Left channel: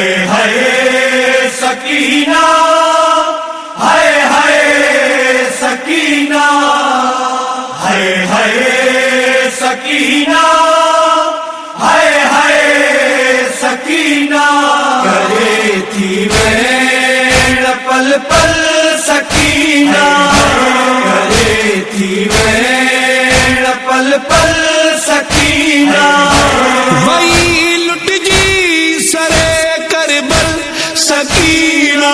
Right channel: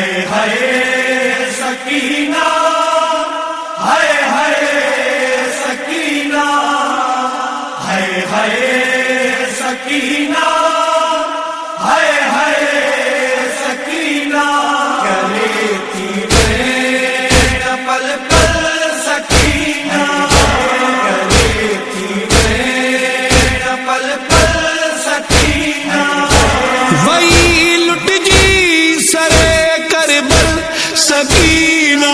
हाय हाय सकीना, हाय हाय सकीना, हाय हाय सकीना, हाय हाय सकीना। गले थी बैन पल पल सकीना, गले थी बैन पल पल सकीना। वही लुट जी सरे करबल सकीना,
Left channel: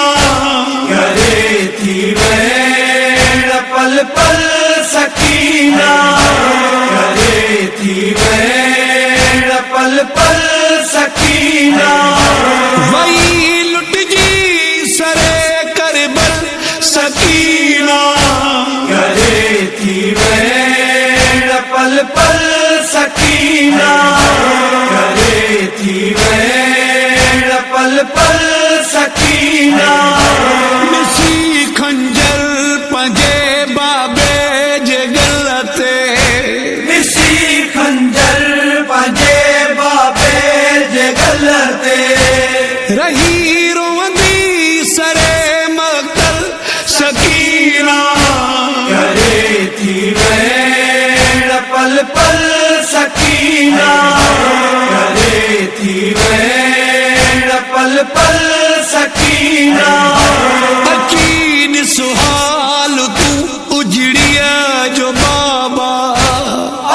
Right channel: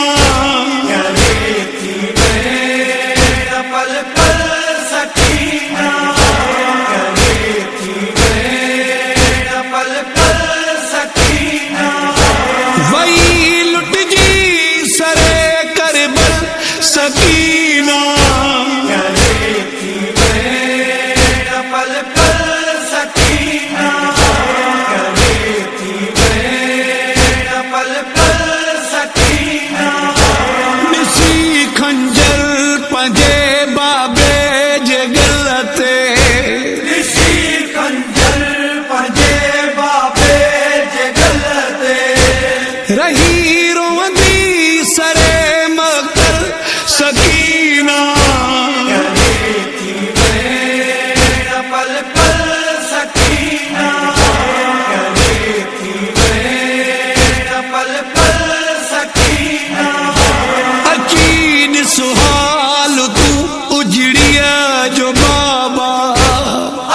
गले थी बैन पल पल सकीना, गले थी बैन पल पल सकीना। वही लुट जी सरे करबल सकीना, गले थी बैन पल पल सकीना, गले थी बैन पल पल सकीना। निसी खंजर पंजे बाबे जे गलते, निसी खंजर पंजे बाबे जे गलते। रही रोंदी सरे मक्तल सकीना, गले थी बैन पल पल सकीना, गले थी बैन पल पल सकीना। अकीन सुहाल तू उजड़िया जो बाबा,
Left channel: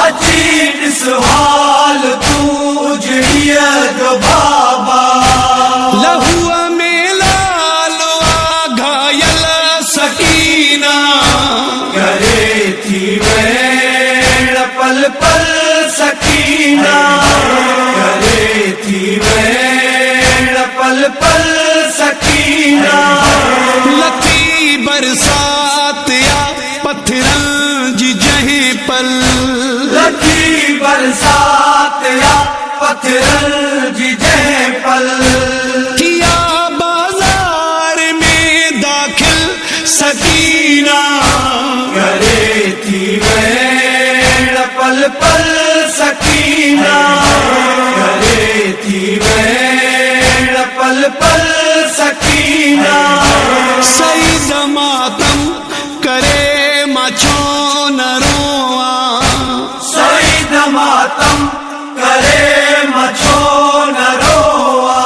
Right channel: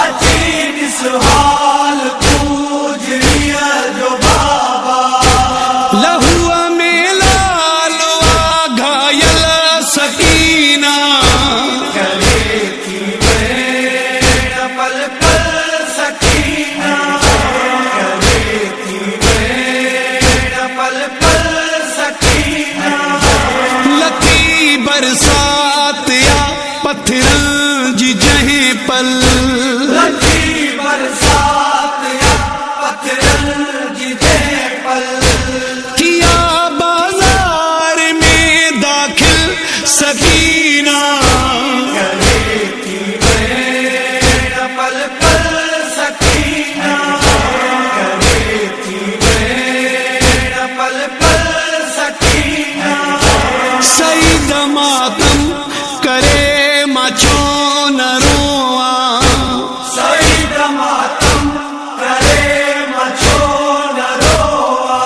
अजीब सुहाल तू उजड़िया जो बाबा। लहुआ में लालवा घायल सकीना, गले थी बैन पल पल सकीना, गले थी बैन पल पल सकीना। लथी बरसात या पत्थरन जी जहीं पल, लथी बरसात या पत्थर जिजे पल। किया बाजार में दाखिल सकीना, गले थी बैन पल पल सकीना, गले थी बैन पल पल सकीना। सईद मातम करे मचो न रोआ, सईद मातम करे मचो न रोआ।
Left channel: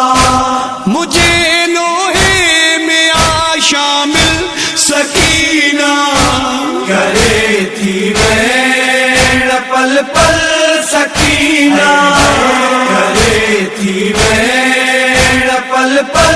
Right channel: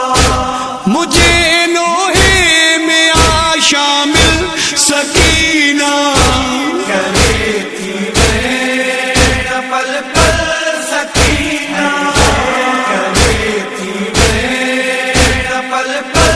मुझे नोहे में आ शामिल सकीना, गले थी बैन पल पल सकीना, गले थी बैन पल पल